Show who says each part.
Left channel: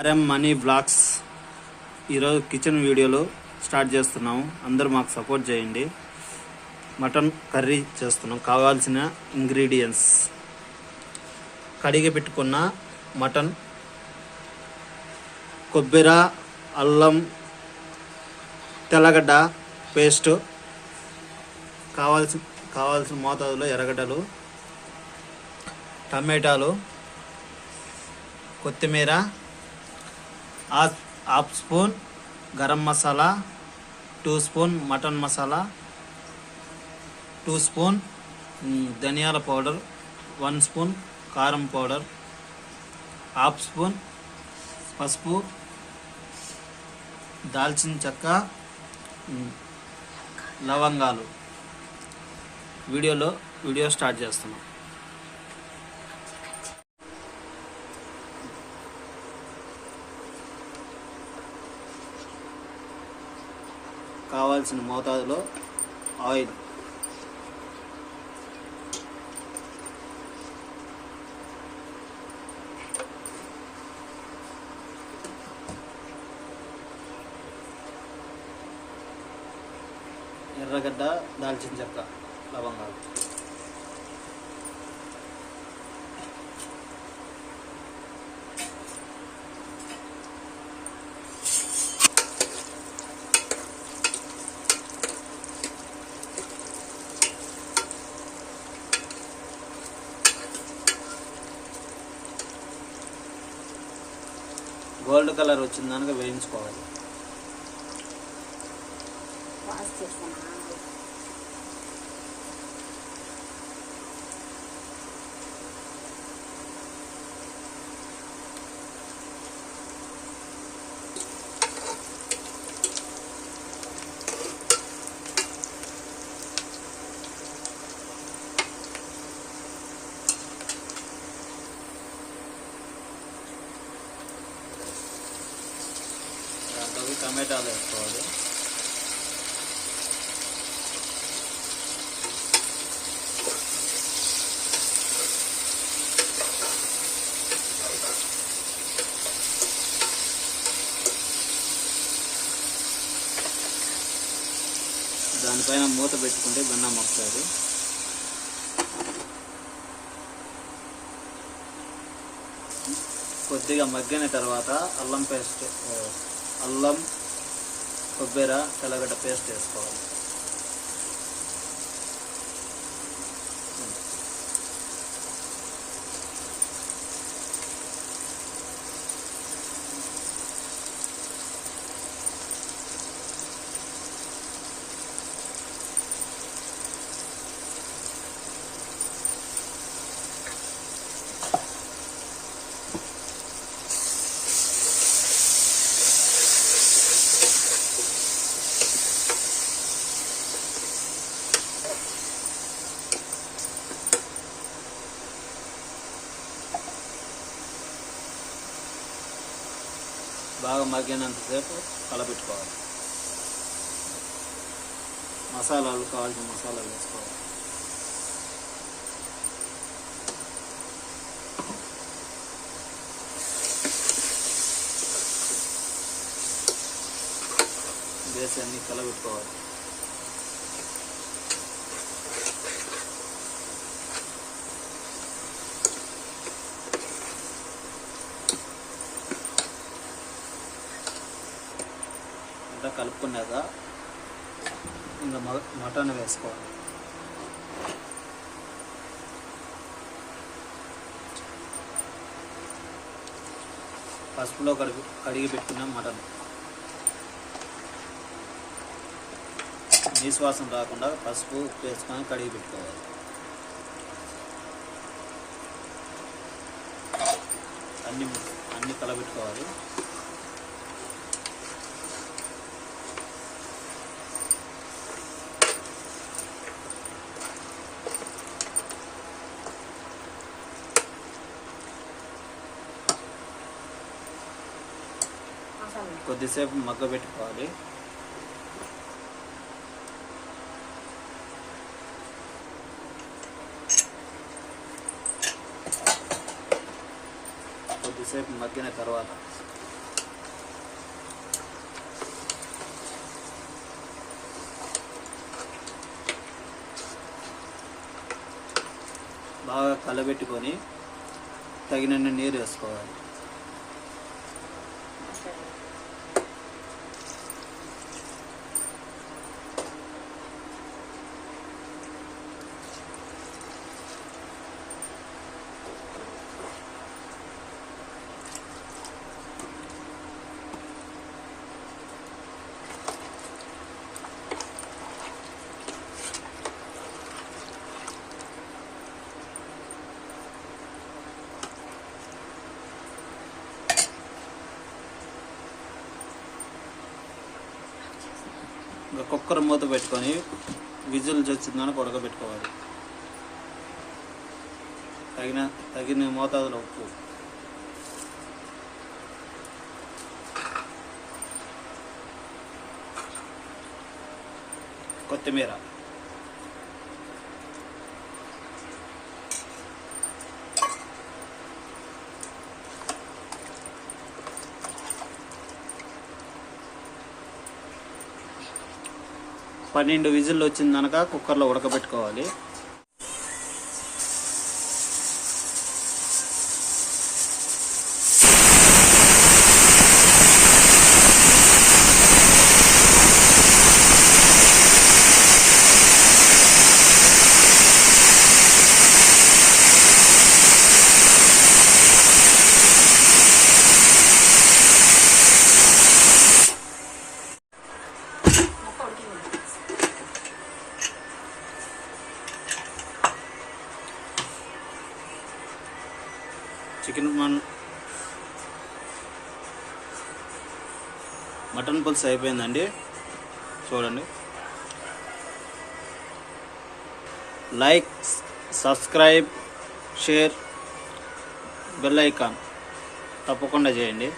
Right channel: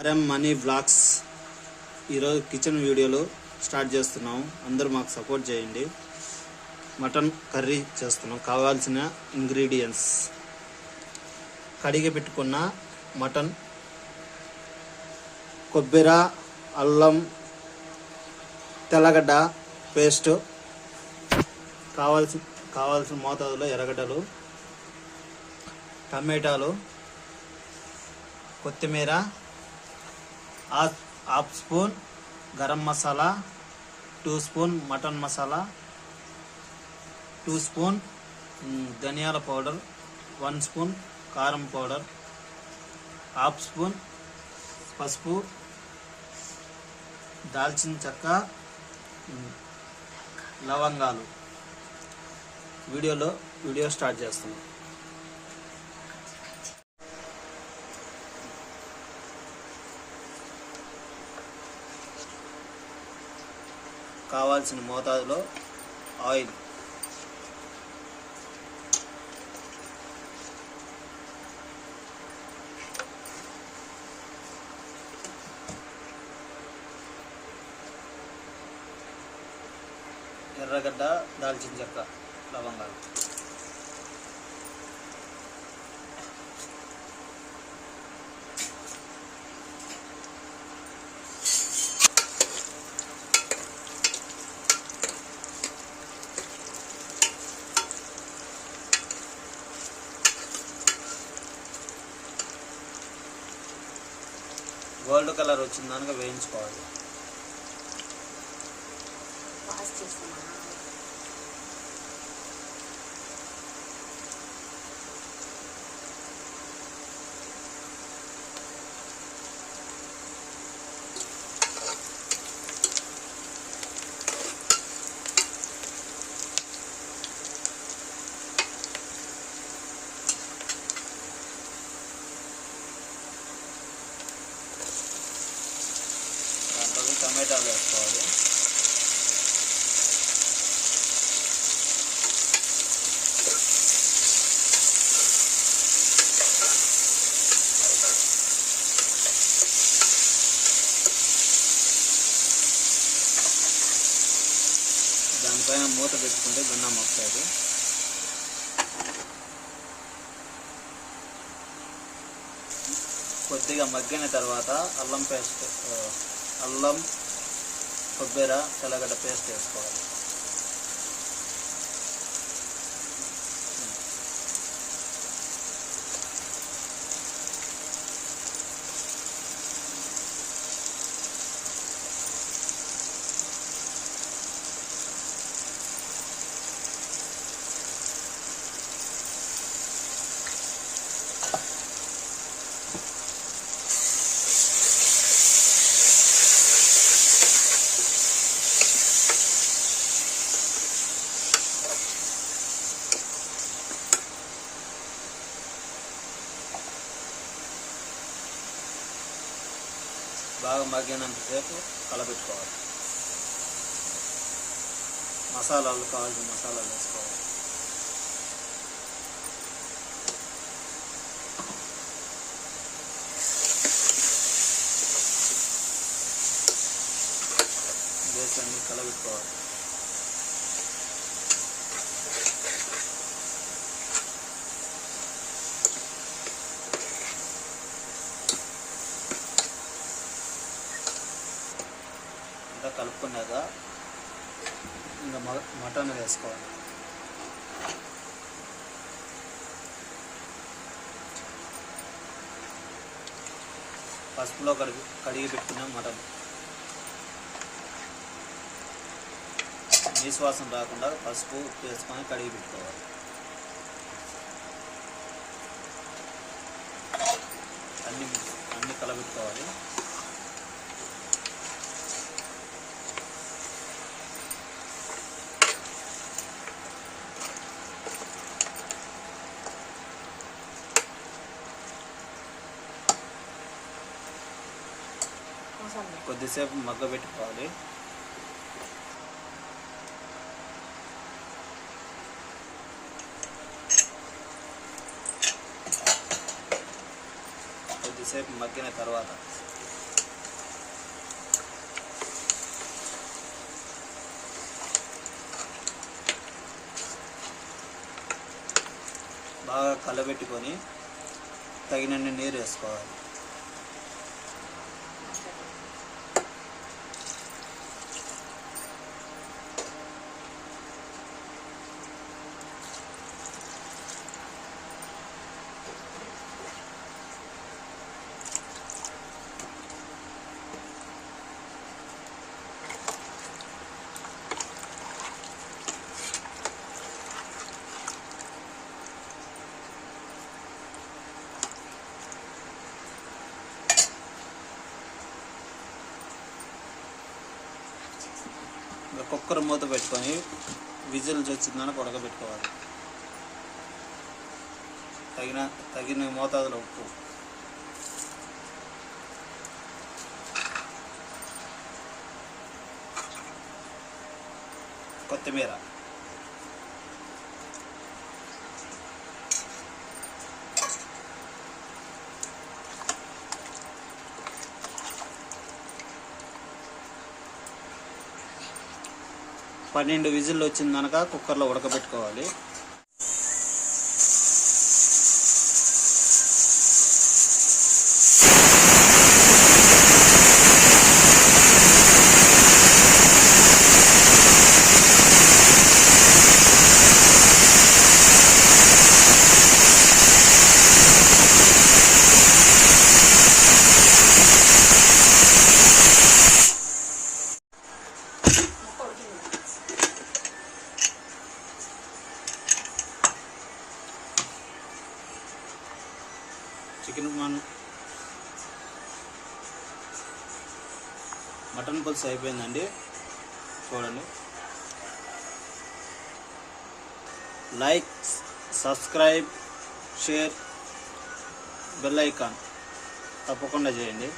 Speaker 1: RM money blogs ఈరోజు kitchen వీడియోలో start చేస్తున్నాము. అందరూ మాకు సపోర్ట్ చేయండి. మటన్ కర్రీ చేస్తున్నాం. కావాల్సిన ఇంగ్రీడియంట్స్. కడిగి పెట్టుకున్న మటన్ కొబ్బరి అల్లం తెల్లగడ్డ పేస్ట్ కావాల్సిన కావాల్సిన మోతాదులో ఎర్రగడ్డలు టమాటాలు కొత్తిమీర half half spoon garam masala two spoon mutton masala two spoon ధనియాల పౌడర్ వన్ స్పూన్ కారం పౌడర్ హాఫ్ స్పూన్ పసుపు దాల్చిన చెక్క లవంగాలు. వీడియోలో వీడియో స్టార్ట్ చేస్తున్నాం. కావాల్సిన మోతాదులో ఆయిల్. ఎర్రగడ్డ దాల్చిన చెక్క లవంగాలు. గోల్డ్ కలర్ వచ్చిన దానికి వేయించుకోవాలి. టమాటాలు వేసుకోవాలి. దానిపైన మూత పెట్టుకుంటే గన్నం వస్తుంది. కొద్దిగా మగ్గిన తర్వాత అల్లం పేస్ట్ అల్లం కొబ్బెర తెల్లగడ్డ పేస్ట్ వేసుకోవాలి. బాగా మగ్గినంతసేపు కలపెట్టుకోవాలి మసాలాలు కావాల్సిన మసాలాలు వేసుకోవాలి. వేసి అన్ని కలబెట్టుకోవాలి. కలుపుకున్నాక ఇంకా మటన్ వేసుకోవాలి. పసుపులో కడిగి కడిగి పెట్టుకున్నాం మటన్. నీశ్వాసం రాకుండా పసుపు ఉప్పు వేసుకొని కడిగి పెట్టుకోవాలి. అన్ని అన్ని కలబెట్టుకోవాలి. కొద్దిసేపు మగ్గబెట్టుకోవాలి కొద్దిసేపు మగ్గిన తర్వాత బాగా కలబెట్టుకొని తగినన్ని నీరు వేసుకోవాలి. కుక్కర్ మూత పెట్టుకొని విజిల్స్ వచ్చిందని ఉడకబెట్టుకోవాలి. తగిన తగిన మోతాదులో ఉప్పు. కొత్తిమీర. పన్నెండు విజిల్లు వచ్చిందనక కుక్కర్లో ఉడకబెట్టుకోవాలి. చికెన్ మన్. మటన్ పులుసు అయిపోయిందండి. చూడండి. Like subscribe share bell icon. తప్పకుండా చేయండి.